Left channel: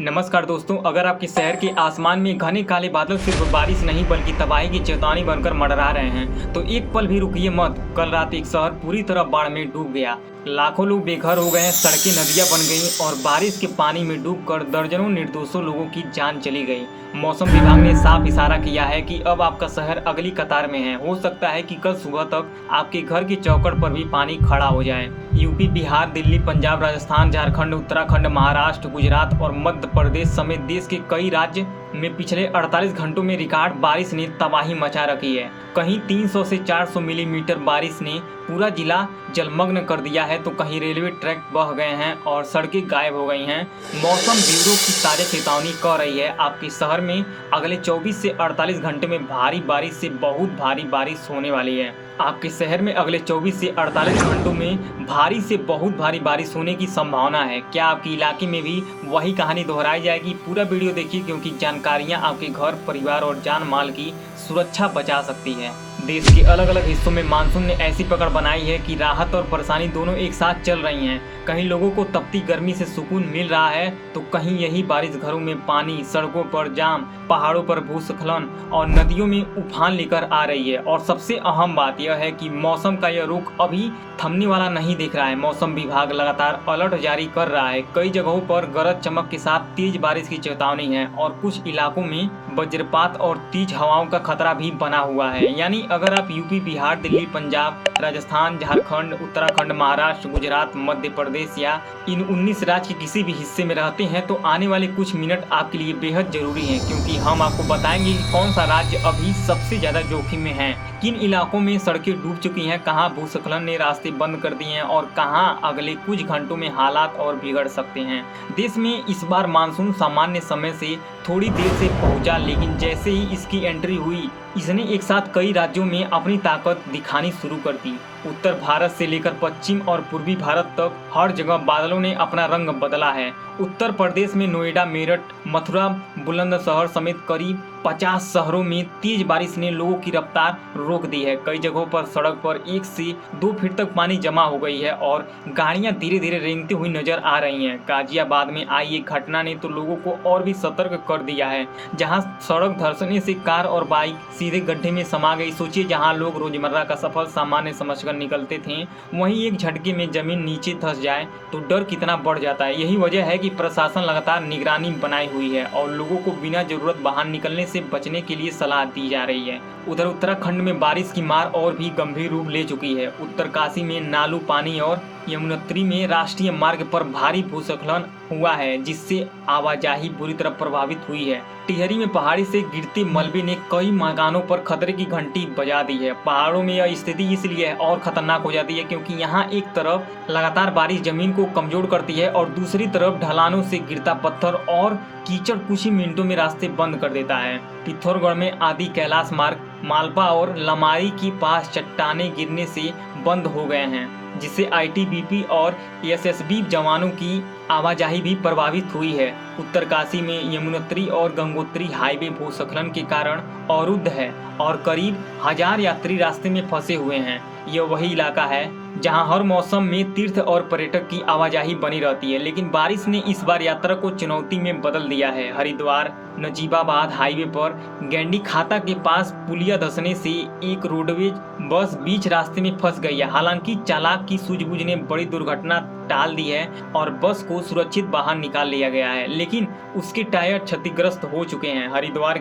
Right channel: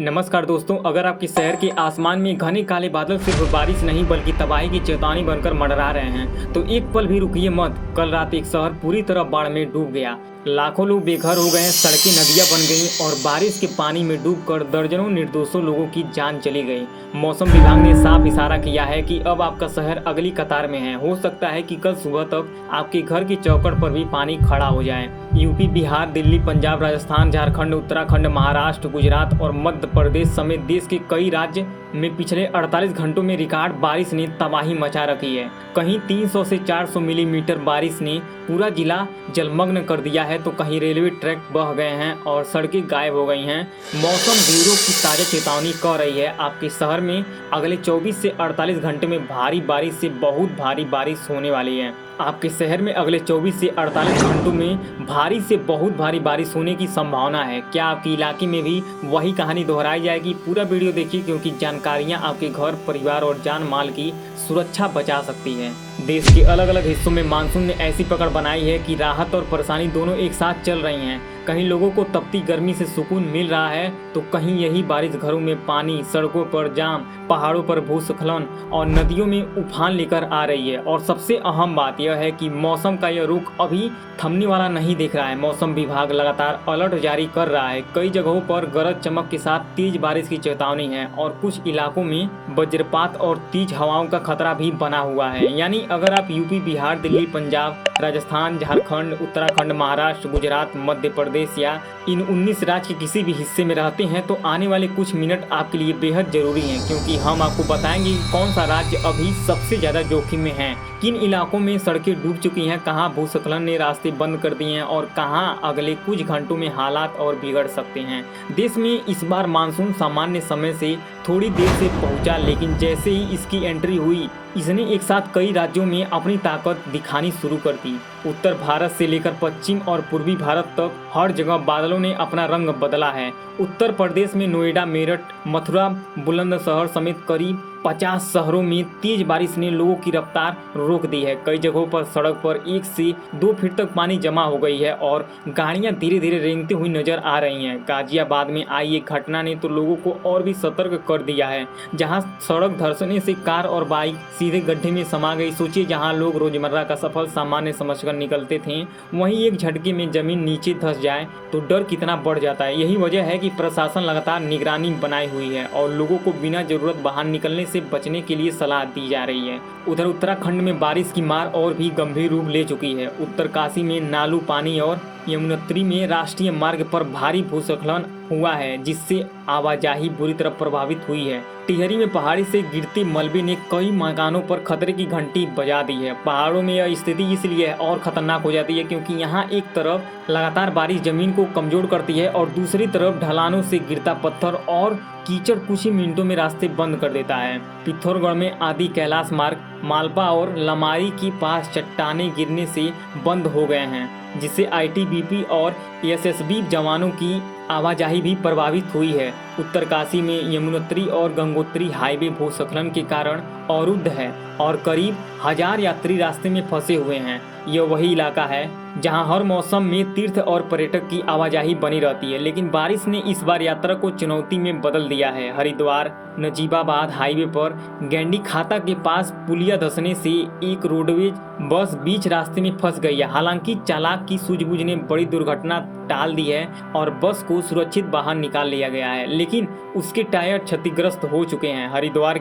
नमस्कार दोस्तों, अगर आपके शहर के आसमान में घने काले बादल सिर्फ बारिश नहीं बल्कि तबाही की चेतावनी बनकर मंडरा रहे हैं तो एक पल भी रुकिए मत। कल रात एक शहर पूरी तरह बाढ़ में डूब गया। लाखों लोग बेघर हो गए, सड़कें नदियां बन गईं और बारिश के पानी में डूबकर दर्जनों निर्दोषों लोगों की जान चली गई। मौसम विभाग ने साफ इशारा किया है कि अब आपका शहर अगली कतार में है। हो सकता है कि कल सुबह तक आपके घर की चौखट पर भी पानी खड़ा हो जाए। यूपी, बिहार, दिल्ली, पंजाब, राजस्थान, झारखंड, उत्तराखंड, महाराष्ट्र, गुजरात और मध्य प्रदेश समेत देश के कई राज्य में पिछले 48 घंटों में रिकॉर्ड बारिश ने तबाही मचा रखी है। कहीं 300 से 400 मिलीमीटर बारिश ने पूरा जिला जलमग्न कर दिया है तो कहीं रेलवे ट्रैक बह गए हैं और सड़कें गायब हो गई हैं। मौसम ब्यूरो की ताज़ा चेतावनी कह रही है आपके शहर में अगले 24 से 48 घंटे में भारी बारिश से बहुत भारी बारिश होने वाली है। आपके शहर में अगले 24 से 48 घंटों में भारी से बहुत भारी बारिश होने की संभावना है। क्या आपके इलाके में भी वही कहानी दोहराई जाएगी? पूरा वीडियो देखिए क्योंकि जानकारियां आपके घर, परिवार और जान माल की सुरक्षा बचा सकती है। देश के अलग अलग हिस्सों में मानसून ने ऐसी पकड़ बनाई है कि राहत और परेशानी दोनों एक साथ चल रही हैं। कहीं लोगों को तपती गर्मी से सुकून मिल रहा है तो कहीं यही बारिश घरों में पानी, सड़कों पर जाम, पहाड़ों पर भूस्खलन और नदियों में उफान लेकर आ रही है। और सबसे अहम बात यह है कि मौसम का यह रुख अभी थमने वाला नहीं दिख रहा है। मौसम विभाग लगातार अलर्ट जारी कर रहा है। कई जगहों पर गरज चमक के साथ तेज बारिश की चेतावनी है और कुछ इलाकों में वज्रपात और तेज हवाओं का खतरा भी बना हुआ है। यानी अगर आप यूपी, बिहार, दिल्ली, पंजाब, राजस्थान, झारखंड, उत्तराखंड, महाराष्ट्र, गुजरात, मध्य प्रदेश या इन 19 राज्य के किसी भी हिस्से में रहते हैं तो आने वाले कुछ मिनट आपके लिए बेहद जरूरी हैं, क्योंकि हम आपको बताएंगे कि कौन सा राज्य अभी सबसे ज्यादा जोखिम में है, किन इलाकों में सड़कें डूब चुकी हैं, कहां भूस्खलन ने रास्ते बंद कर दिए हैं और कहां अगले कुछ घंटों में हालात और बिगड़ सकते हैं। देश में इस बार मानसून सामान्य समय से थोड़ी देर से पहुंचा, लेकिन जैसे ही इसकी एंट्री हुई इसने एक साथ कई राज्यों में अपनी ताकत दिखानी शुरू कर दी। उत्तर भारत से लेकर पश्चिम और पूर्वी भारत तक हर जगह बादलों ने अपना रंग बदला है। उत्तर प्रदेश में नोएडा, मेरठ, मथुरा, बुलंदशहर समेत करीब 50 शहरों में तेज बारिश ने लोगों की रफ्तार रोक दी है। कई जगहों पर सड़क पर 1 से 2 फीट तक पानी जमा हो गई है और गाड़ियां धीरे धीरे रेंगती हुई नजर आ रही हैं। गाजियाबाद में आई एक घटना ने तो लोगों को और भी सतर्क कर दिया है, जहां सड़क धंसने से कार और बाइक सीधे गड्ढे में समा गई। सोचिए, जहां लोग रोजमर्रा का सफर सामान्य समझकर निकलते थे, वहीं एक झटके में जमीन नीचे धंस जाए तो डर कितना बढ़ जाता है। यही वजह है कि प्रशासन लगातार निगरानी बनाई हुई है और लोगों को बिना जरूरत बाहर निकलने से बचने के लिए सलाह दी जा रही है। उधर उत्तराखंड में बारिश की मार और भी गंभीर रूप ले चुकी है। उत्तरकाशी में नालू पानी और यमुनोत्री में राष्ट्रीय मार्ग पर भारी भूस्खलन हुआ है, जिससे आवाजाही बुरी तरह प्रभावित हुई है। टिहरी में पहाड़ी से गिरते मलबे ने कई मकानों पर खतरे की घंटी बजा दी है। पहाड़ों में यह स्थिति इसलिए और खतरनाक हो जाती है क्योंकि यहाँ एक तरफ लगातार बारिश जमीन को कमजोर करती है और दूसरी तरफ ढलानों से गिरता पत्थर और कीचड़ कुछ ही मिनटों में रास्ते बंद कर देता है। पिथौरागढ़ में आदि कैलाश मार्ग मालपा और लमारी के पास चट्टाने गिरने से बंद हो गए हैं, जिससे आईटीबीपी और एसएसबी जवानों की आवाजाही भी प्रभावित हुई है। उत्तरकाशी में यमुनोत्री और गंगोत्री हाईवे भूस्खलन के कारण अवरुद्ध है और करीब 1000 यात्री रास्ते में फंसे हुए हैं। यह वही इलाका है जहां हर मौसम में तीर्थ और पर्यटक की आवाजाही बनी रहती है, लेकिन बारिश ने इस बार यात्रा को चुनौती में बदल दिया है। हरिद्वार नजीबाबाद हाईवे पर गैंडी खाता के पास पुलिया धंसने से एक रोडवेज बस बीच रास्ते में फंस गई है। हालांकि चालक की सूझबूझ ने बड़ी दुर्घटना टाल दी है और बस को सुरक्षित बाहर निकाल लिया गया है, लेकिन उसके टायर क्षतिग्रस्त हो चुके हैं। हरिद्वार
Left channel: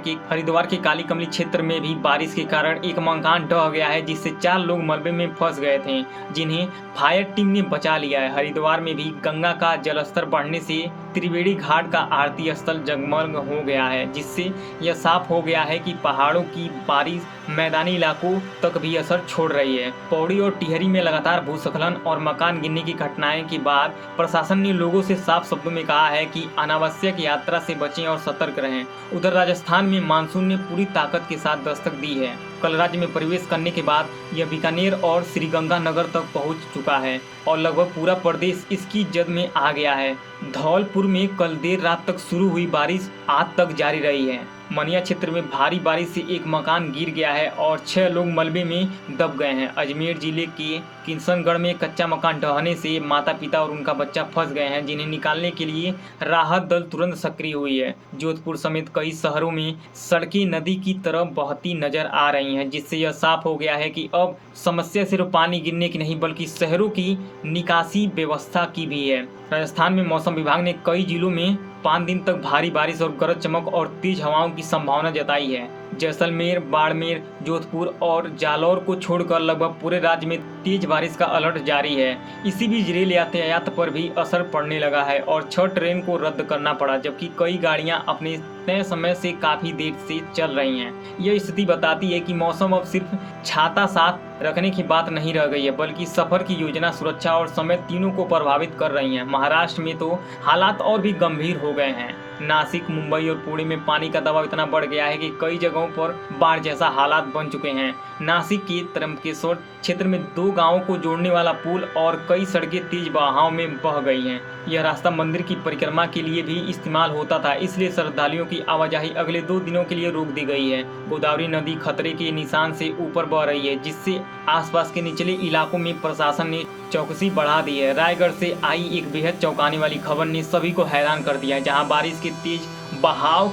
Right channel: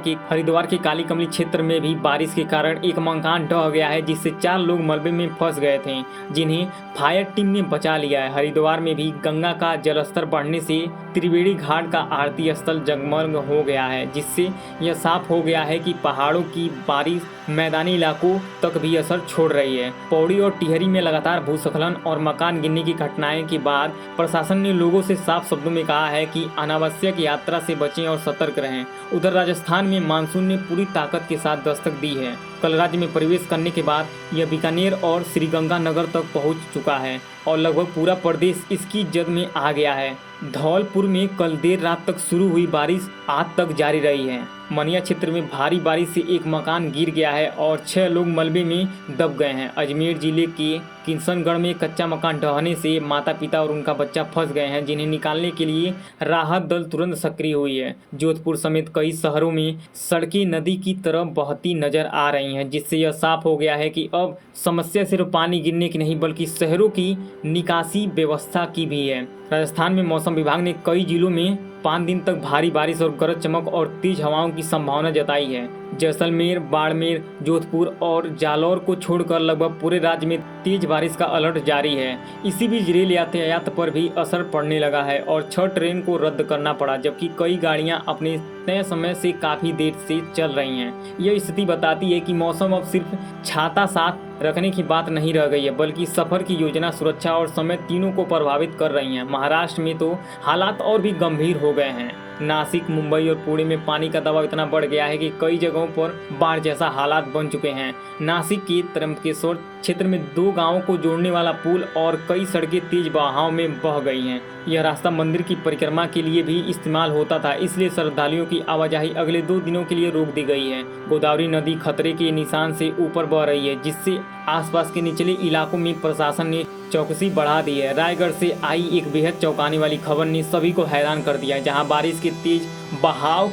के काली कमली क्षेत्र में भी बारिश के कारण एक मकान ढह गया है, जिससे 4 लोग मलबे में फंस गए थे, जिन्हें फायर टीम ने बचा लिया है। हरिद्वार में भी गंगा का जलस्तर बढ़ने से त्रिवेणी घाट का आरती स्थल जगमग हो गया है, जिससे यह साफ हो गया है कि पहाड़ों की बारिश मैदानी इलाकों तक भी असर छोड़ रही है। पौड़ी और टिहरी में लगातार भूस्खलन और मकान गिरने की घटनाएं के बाद प्रशासन ने लोगों से साफ शब्दों में कहा है कि अनावश्यक यात्रा से बचें और सतर्क रहें। उधर राजस्थान में मानसून ने पूरी ताकत के साथ दस्तक दी है। कल राज्य में प्रवेश करने के बाद यह बीकानेर और श्रीगंगानगर तक पहुंच चुका है और लगभग पूरा प्रदेश इसकी जद में आ गया है। धौलपुर में कल देर रात तक शुरू हुई बारिश आज तक जारी रही है। मनिया क्षेत्र में भारी बारिश से एक मकान गिर गया है और 6 लोग मलबे में दब गए हैं। अजमेर जिले के किशनगढ़ में कच्चा मकान ढहने से माता पिता और उनका बच्चा फंस गए हैं, जिन्हें निकालने के लिए राहत दल तुरंत सक्रिय हुई है। जोधपुर समेत कई शहरों में सड़कें नदी की तरफ बहती नजर आ रही हैं, जिससे यह साफ हो गया है कि अब समस्या सिर्फ पानी गिरने की नहीं बल्कि शहरों की निकासी व्यवस्था की भी है। राजस्थान में मौसम विभाग ने कई जिलों में 5 दिन तक भारी बारिश और गरज चमक और तेज हवाओं की संभावना जताई है। जैसलमेर, बाड़मेर, जोधपुर और जालौर को छोड़कर लगभग पूरे राज्य में तेज बारिश का अलर्ट जारी है। इसी बीच रेल यातायात पर भी असर पड़ने लगा है और 6 ट्रेन को रद्द करना पड़ा, जबकि कई गाड़ियां अपने तय समय से काफी देर से चल रही हैं। यह स्थिति बताती है कि मौसम अब सिर्फ छाता साथ रखने की बात नहीं रह गई है, बल्कि सफर की योजना, सुरक्षा और समय तीनों को प्रभावित कर रही हैं। महाराष्ट्र में तो हालात और भी गंभीर हो गए हैं। नासिक, मुंबई और पुणे में पानी का दबाव इतना बढ़ गया है कि कई जगहों पर बाढ़ जैसा हालात बन चुके हैं। नासिक के त्र्यंबकेश्वर क्षेत्र में 2 गांवों को जोड़ने वाला पुल और कई सड़कें तेज बहाव में बह गई हैं। यह रास्ता मंदिर की परिक्रमा के लिए भी इस्तेमाल होता था, इसलिए श्रद्धालुओं की आवाजाही अगले 2 दिनों के लिए रोक दी गई है। गोदावरी नदी खतरे के निशान से ऊपर बह रही है, जिससे आसपास के निचले इलाकों में प्रशासन ने चौकसी बढ़ा दी है। रायगढ़ से आई एक बेहद चौंकाने वाली खबर ने सभी को हैरान कर दिया है, जहां बारिश के तेज बहाव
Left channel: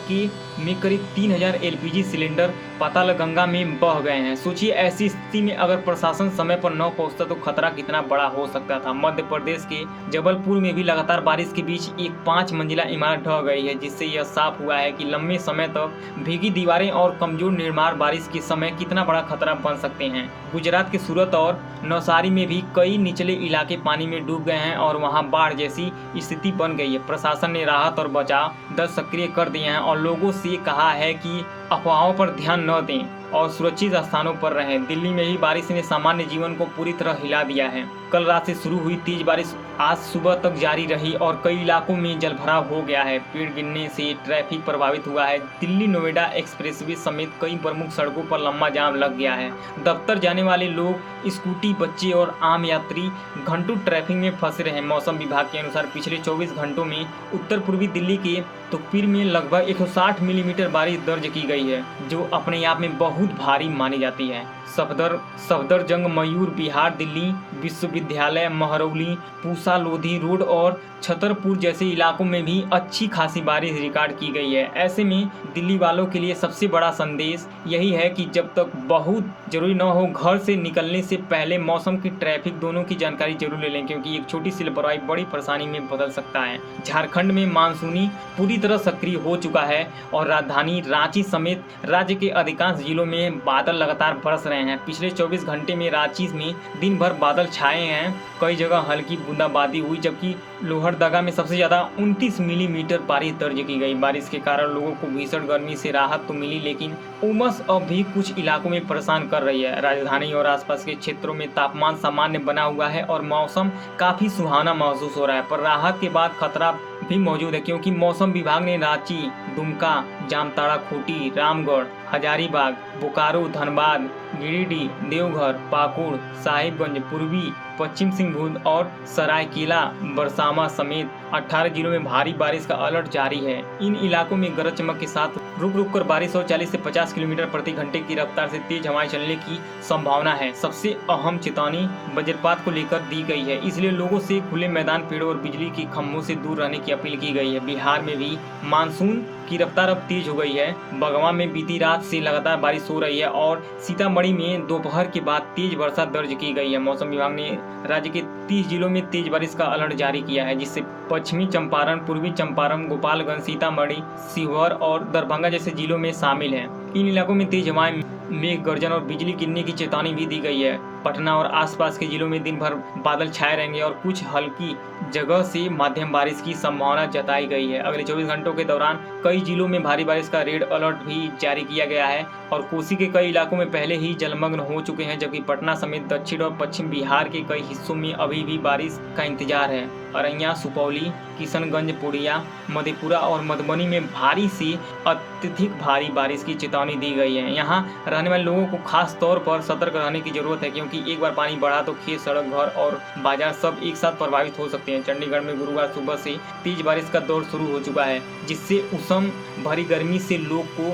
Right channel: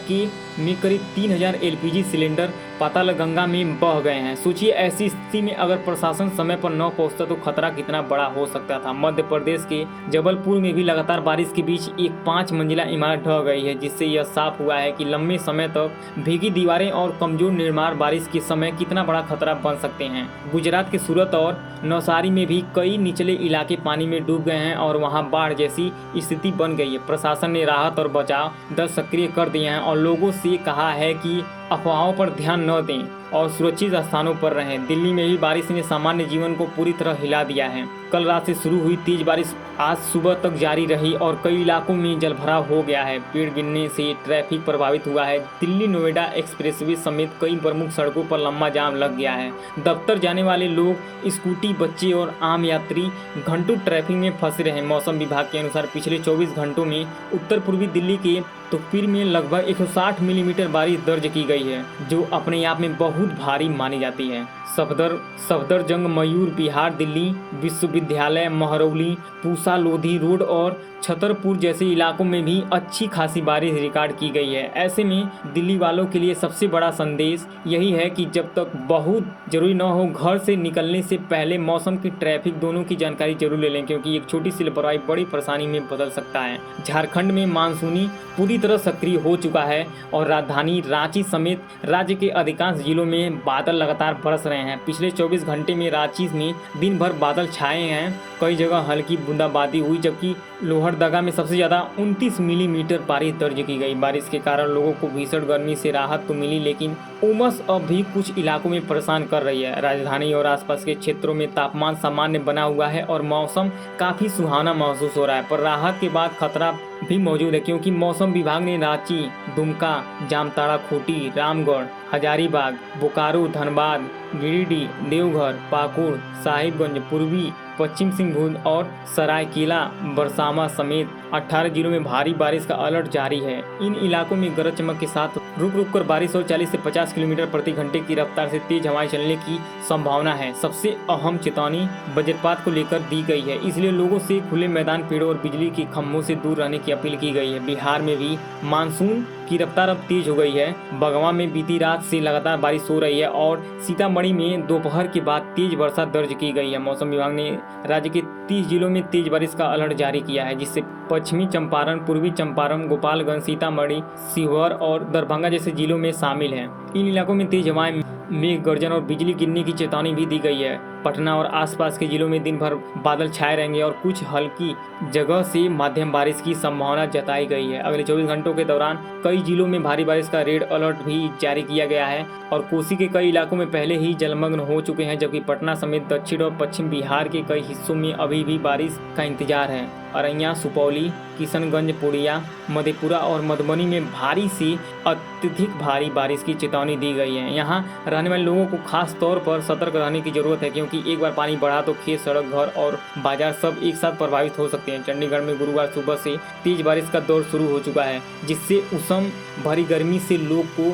में करीब 3000 एलपीजी सिलेंडर पातालगंगा में बह गए हैं। सोचिए, ऐसी स्थिति में अगर प्रशासन समय पर न पहुंचता तो खतरा कितना बड़ा हो सकता था। मध्य प्रदेश के जबलपुर में भी लगातार बारिश के बीच एक 5 मंजिला इमारत ढह गई है, जिससे यह साफ हुआ है कि लंबे समय तक भीगी दीवारें और कमजोर निर्माण बारिश के समय कितना बड़ा खतरा बन सकते हैं। गुजरात के सूरत और नवसारी में भी कई निचले इलाके पानी में डूब गए हैं और वहां बाढ़ जैसी स्थिति बन गई है। प्रशासन ने राहत और बचाव दल सक्रिय कर दिए हैं और लोगों से कहा है कि अफवाहों पर ध्यान न दें और सुरक्षित स्थानों पर रहें। दिल्ली में भी बारिश ने सामान्य जीवन को पूरी तरह हिला दिया है। कल रात से शुरू हुई तेज बारिश आज सुबह तक जारी रही और कई इलाकों में जलभराव हो गया है। पेड़ गिरने से ट्रैफिक प्रभावित हुआ है। दिल्ली नोएडा एक्सप्रेसवे समेत कई प्रमुख सड़कों पर लंबा जाम लग गया है। दफ्तर जाने वाले लोग, स्कूटी, बच्चे और आम यात्री घंटों ट्रैफिक में फंसे रहे। मौसम विभाग के अनुसार पिछले 24 घंटों में उत्तर पूर्वी दिल्ली के तुकपीर में लगभग 160 मिलीमीटर बारिश दर्ज की गई है, जो अपने आप में बहुत भारी मानी जाती है। सफदरजंग, मयूर बिहार, दिल्ली विश्वविद्यालय, महरौली, पूसा, लोधी रोड और छतरपुर जैसे इलाकों में भी अच्छी खासी बारिश रिकॉर्ड की गई है। ऐसे में दिल्ली वालों के लिए सबसे बड़ा संदेश यही है कि जब तक बहुत जरूरी न हो, घर से निकलने से पहले मौसम की, ट्रैफिक दोनों की जानकारी जरूर ले लें, क्योंकि एक छोटी सी लापरवाही बड़ी परेशानी में बदल सकता है। झारखंड में मानसूनी पूरी तरह सक्रिय हो चुका है और राजधानी रांची समेत राज्य के अधिकांश जिलों में बादल लगातार बरस रहे हैं। पिछले 24 घंटे में रांची में दिन भर बादल छाए हैं। कई जगह हल्की बूंदाबांदी हुई, जबकि लोहरदगा में सबसे ज्यादा 29 मिलीमीटर बारिश दर्ज की गई। बारिश के कारण लोगों को भीषण गर्मी से राहत तो मिली, लेकिन उमस अब भी कुछ इलाकों में परेशान कर रही है। राजधानी और आसपास के क्षेत्रों में तापमान सामान्य बना हुआ है और मौसम काफी सुहाना महसूस हो रहा है, पर राहत के बाद खतरा भी मौजूद है, क्योंकि मौसम विभाग ने रांची, दुमका, जामताड़ा, खूंटी, रामगढ़, हजारीबाग, बोकारो, धनबाद, गिरिडीह, देवघर, पाकुड़, साहिबगंज, पूर्वी पश्चिम सिंहभूम और सरायकेला बरसामा समेत 18 जिलों में भारी बारिश का अलर्ट जारी है। इन इलाकों में गरज चमक के साथ रुक रुक कर बारिश और 40 से 50 किलोमीटर प्रति घंटे की रफ्तार से तेज हवाएं चलने की संभावना है। सबसे अहम चेतावनी वज्रपात को लेकर दी गई है, इसलिए लोगों से खुले मैदान, पेड़ों और बिजली के खंभों से दूर रहने की अपील की गई है। बिहार में भी मानसून की रफ्तार अब तेज हो गई है। बगवा में बीती रात से लगातार बारिश हो रही है और सीतामढ़ी में दोपहर के बाद तेज वर्षा दर्ज की गई है। मौसम विभाग ने राज्य के 30 जिलों में तेज बारिश का अलर्ट जारी किया है, जिससे पश्चिमी चंपारण, पूर्वी चंपारण, गोपालगंज, सीतामढ़ी, शिवहर और दरभंगा जैसे जिलों में शामिल हैं। इन इलाकों में तेज हवाएं, मेघ गर्जन और बिजली गिरने की चेतावनी भी दी गई है। पटना और आसपास के जिलों में दिन भर बादल छाए रहेंगे और कुछ हल्की जगह से मध्यम बारिश की संभावना जताई गई है। अगले 24 घंटों के दौरान कई जिलों में भारी बारिश का रेड अलर्ट भी जारी किया गया है और कोसी के कई इलाकों में पहले ही जलमग्न हो चुके हैं, जबकि पटना समेत दक्षिण और पश्चिम बिहार के कई हिस्सों में अभी भी बारिश का इंतजार है। अररिया, सुपौली, किशनगंज, पूर्णिया, मधेपुरा और मधुबनी में भारी से अत्यधिक भारी बारिश की चेतावनी दी गई है। यहाँ रहने वाले लोगों को खास तौर पर सतर्क रहने की जरूरत है, क्योंकि एक बार पानी बढ़ा तो खेत, सड़क, घर और बाजार सब एक साथ प्रभावित हो सकते हैं। चंडीगढ़ में गुरुवार सुबह से तेज बारिश का दौर शुरू हो चुका है, जिससे उष्ण भरी गर्मी से लोग को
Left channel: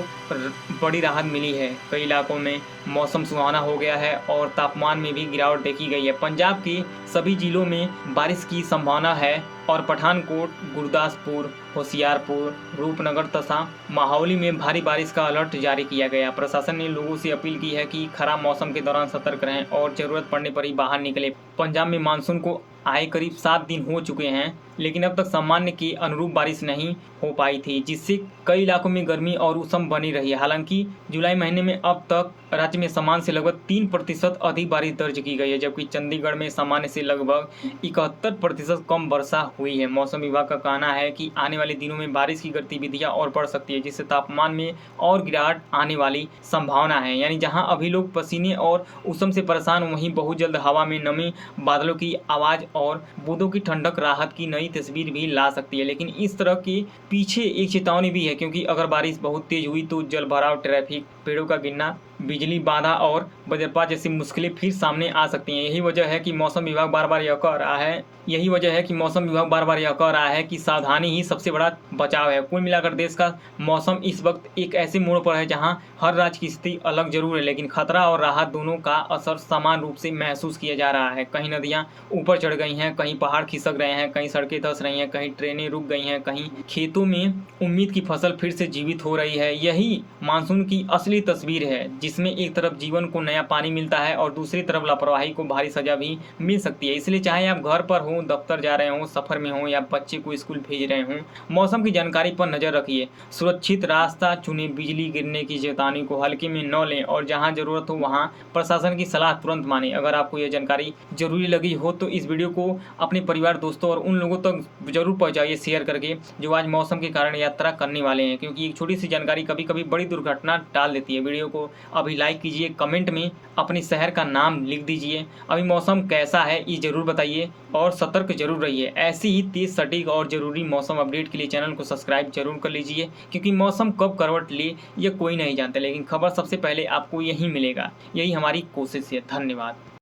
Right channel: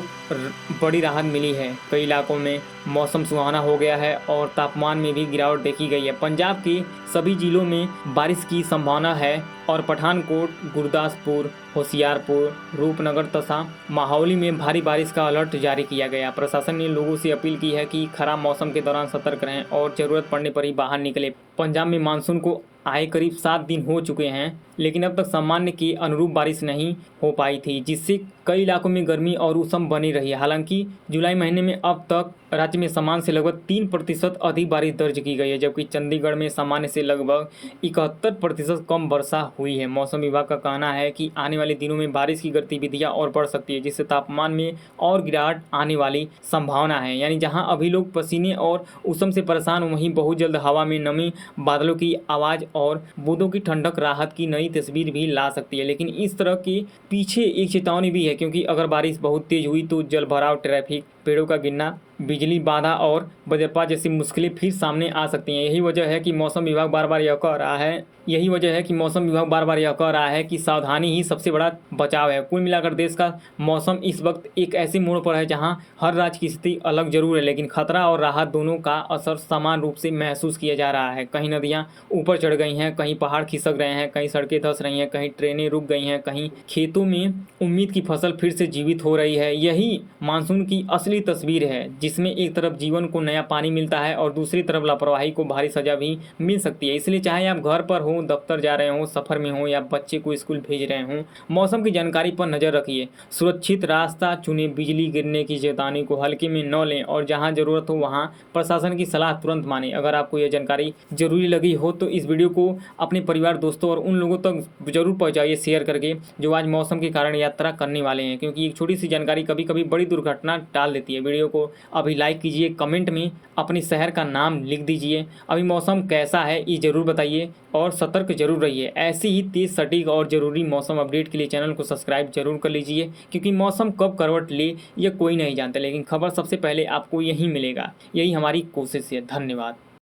बड़ी राहत मिली है। कई इलाकों में मौसम सुहाना हो गया है और तापमान में भी गिरावट देखी गई है। पंजाब के सभी जिलों में बारिश की संभावना है और पठानकोट, गुरदासपुर, होशियारपुर, रूपनगर तथा माहौली में भारी बारिश का अलर्ट जारी किया गया। प्रशासन ने लोगों से अपील की है कि खराब मौसम के दौरान सतर्क रहें और जरूरत पड़ने पर ही बाहर निकले। पंजाब में मानसून को आए करीब 7 दिन हो चुके हैं, लेकिन अब तक सामान्य के अनुरूप बारिश नहीं हो पाई थी, जिससे कई इलाकों में गर्मी और उष्ण बनी रही है। हालांकि जुलाई महीने में अब तक राज्य में सामान्य से लगभग 3% अधिक बारिश दर्ज की गई है, जबकि चंडीगढ़ में सामान्य से लगभग 71% कम वर्षा हुई है। मौसम विभाग का कहना है कि आने वाले दिनों में बारिश की गतिविधियां और बढ़ सकती है, जिससे तापमान में और गिरावट आने वाली संभावना है। यानी जहां अभी लोग पसीने और उष्ण से परेशान, वहीं बहुत जल्द हवा में नमी, बादलों की आवाज़ और बूंदों की ठंडक राहत की नई तस्वीर भी ला सकती है। लेकिन इस तरह के पीछे एक चेतावनी भी है, क्योंकि अगर बारिश बहुत तेज हुई तो जलभराव, ट्रैफिक, पेड़ों का गिरना, बिजली बाधा और वज्रपात जैसी मुश्किलें फिर सामने आ सकती हैं। यही वजह है कि मौसम विभाग बार बार यह कह रहा है कि सावधानी ही सबसे बड़ा बचाव है। कुल मिलाकर देश का मौसम इस वक्त एक ऐसे मोड़ पर है जहां हर राज्य की स्थिति अलग जरूर है, लेकिन खतरा और राहत दोनों का असर समान रूप से महसूस किया जा रहा है। कहीं नदियां ऊपर चढ़ गई हैं, कहीं पहाड़ खिसक रहे हैं, कहीं सड़कें धंस रही हैं, कहीं ट्रेनें रुक गई हैं, कहीं खेतों में उम्मीद की फसल फिर से जीवित हो रही है। यही मानसून की असली तस्वीर है, जिसमें एक तरफ जीवन को नया पानी मिलता है और दूसरी तरफ लापरवाही को भारी सजा भी मिल सकती है। इसलिए चाहे आप घर पर हो, दफ्तर जा रहे हो, सफर में हो या बच्चे को स्कूल भेज रहे हो, मौसम की जानकारी पर नजर रखिए, सुरक्षित रास्ता चुने, बिजली गिरने की चेतावनी को हल्के में न लें और जहां जरूरत हो वहां प्रशासन की सलाह तुरंत माने। अगर आपको यह जानकारी जरूरी लगी हो तो इस वीडियो को अपने परिवार, दोस्तों और उन लोगों तक जरूर पहुंचाइए शेयर करके जो आज मौसम के कारण यात्रा करने वाले हैं, क्योंकि एक छोटी सी जानकारी कभी कभी बड़ी दुर्घटना टाल देती है। वीडियो को अभी लाइक कीजिए, कमेंट में अपने शहर का नाम लिख दीजिए, अभी मौसम कैसा है ये जरूर बताइए और सतर्क जरूर रहिए। ऐसी ही तेज, सटीक और जरूरी मौसम अपडेट के लिए चैनल को सब्सक्राइब जरूर कर लीजिए, क्योंकि मौसम कब करवट ले ये कोई नहीं जानता, लेकिन खबर सबसे पहले आपको यही मिलेगा। यही हमारी कोशिश है। धन्यवाद।